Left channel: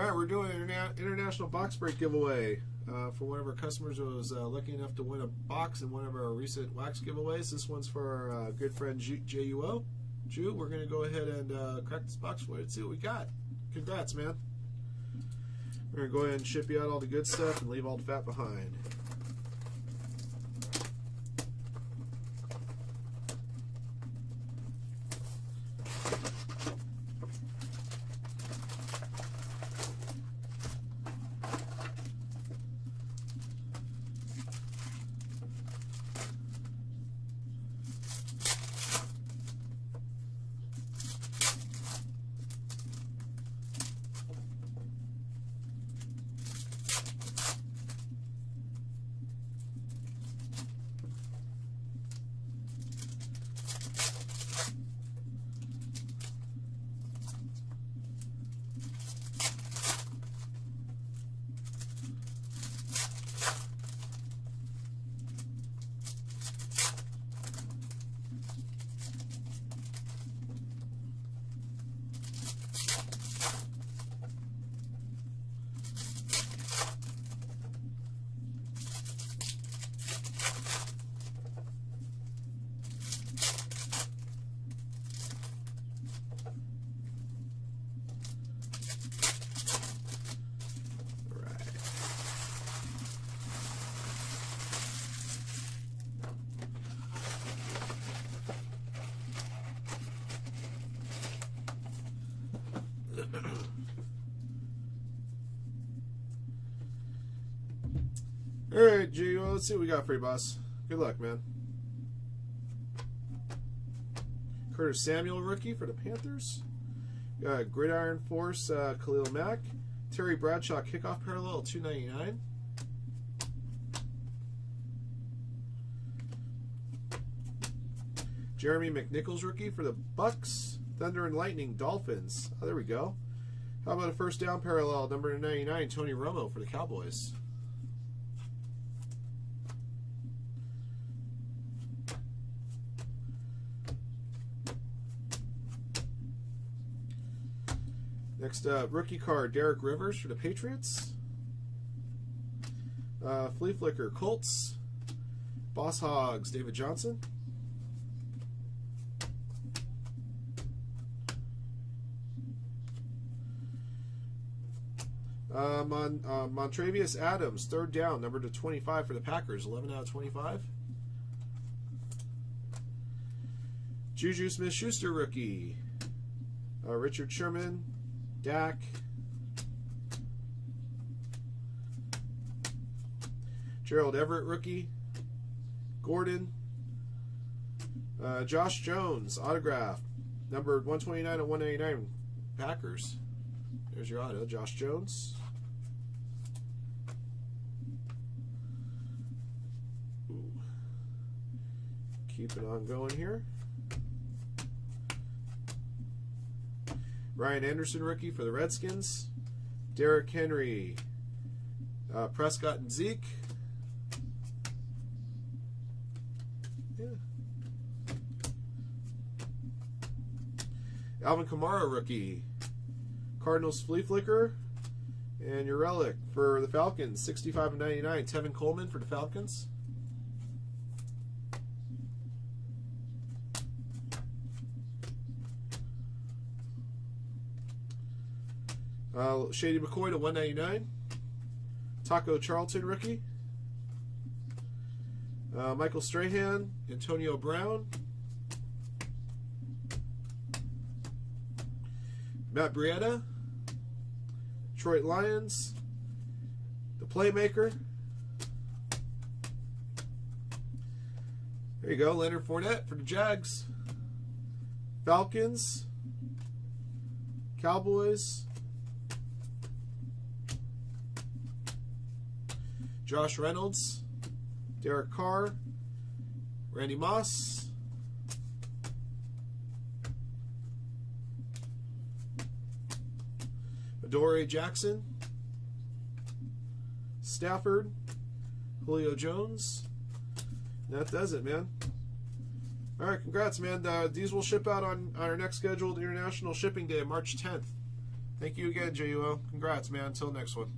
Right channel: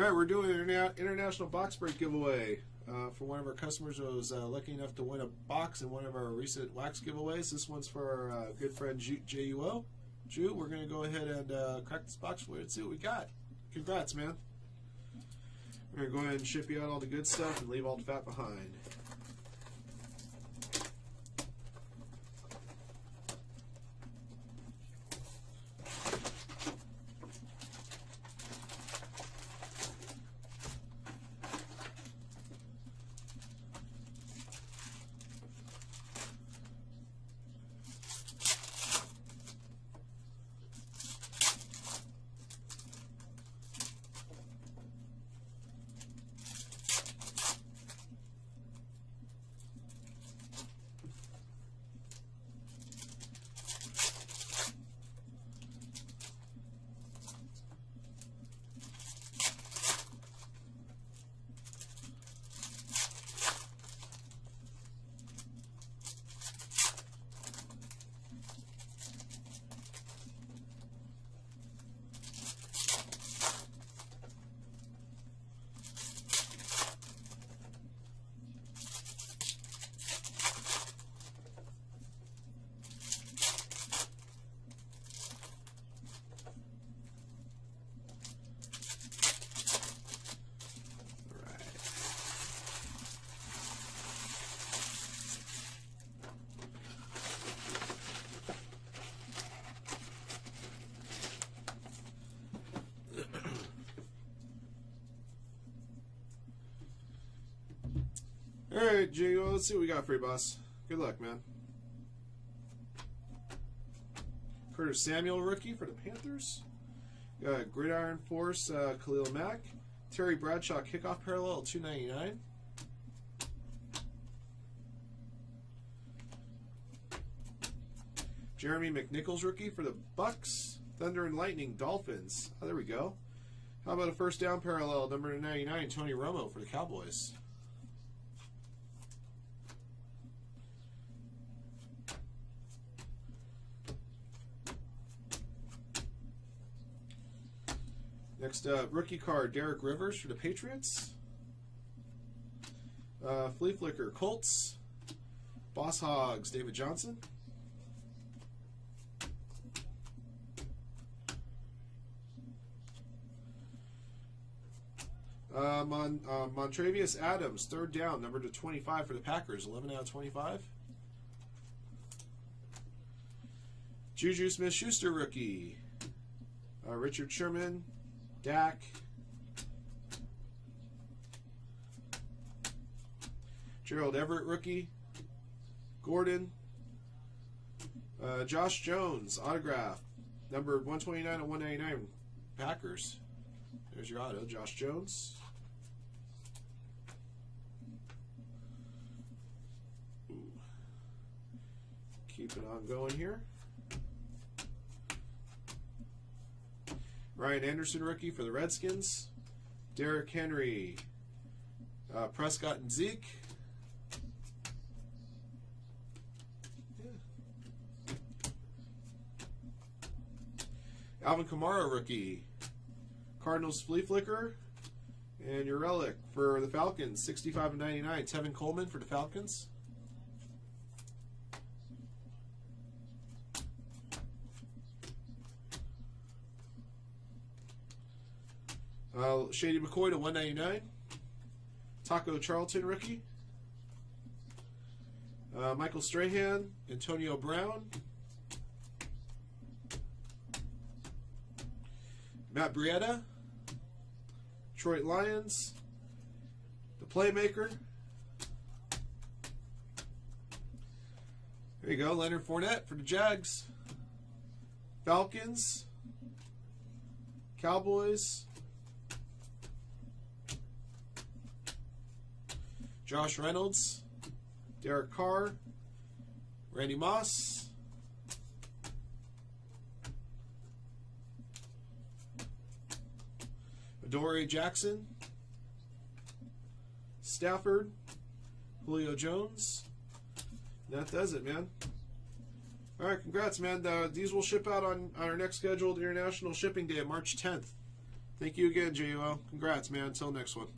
All right, we're doing an international box break giveaway for one of our customers who was lucky enough to win a box in one of our recent wax giveaways. This one's for our good friend JUO. Ju, we're going to go ahead and crack this box for you and see what we got. Congrats, man. We're going to go ahead and ship you out all the good stuff and leave all the fat behind. All right, G, well, let's see what we got for you, boss. Good luck, man. Curtis Samuel, rookie for the Panthers. Gridiron Force, Khalil Mack. Terry Bradshaw, kickoff parallel, $2.99. Jeremy McNichols, rookie for the Bucks. Thunder and Lightning, Dolphins. Oh, there we go. How about a first down parallel, number 99, Tony Romo for the Cowboys. Next up, rookie card, Derek Rivers for the Patriots. Flea Flicker, Colts. Boss Hogs, David Johnson. Montravius Adams, third down, number to 25 for the Packers, 11 out of 25. Juju Smith-Schuster, rookie. Richard Sherman. Dak. Gerald Everett, rookie. Gordon. Josh Jones, autograph. Number 129 and 199, Packers. There's your auto, Josh Jones. Ooh. Keep it on going here. Ryan Anderson, rookie for the Redskins. Derrick Henry, Prescott and Zeke. Yeah. Alvin Kamara, rookie. Cardinals Flea Flicker. And your relic for the Falcons, 65 and 99. Tevin Coleman for the Falcons. Shady McCoy to 199. Taco Charlton, rookie. Michael Strahan, Antonio Brown. Matt Breida, Detroit Lions. The Playmaker. There you go, Leonard Fournette for the Jags. Falcons. Cowboys. Josh Reynolds, Derek Carr, Randy Moss, Adoree Jackson, Stafford, Julio Jones. And that does it, man. All right, congrats, man. These will ship out on our next scheduled international shipping day, March 10th. Thank you again, JUO. Congrats, man. Until next one.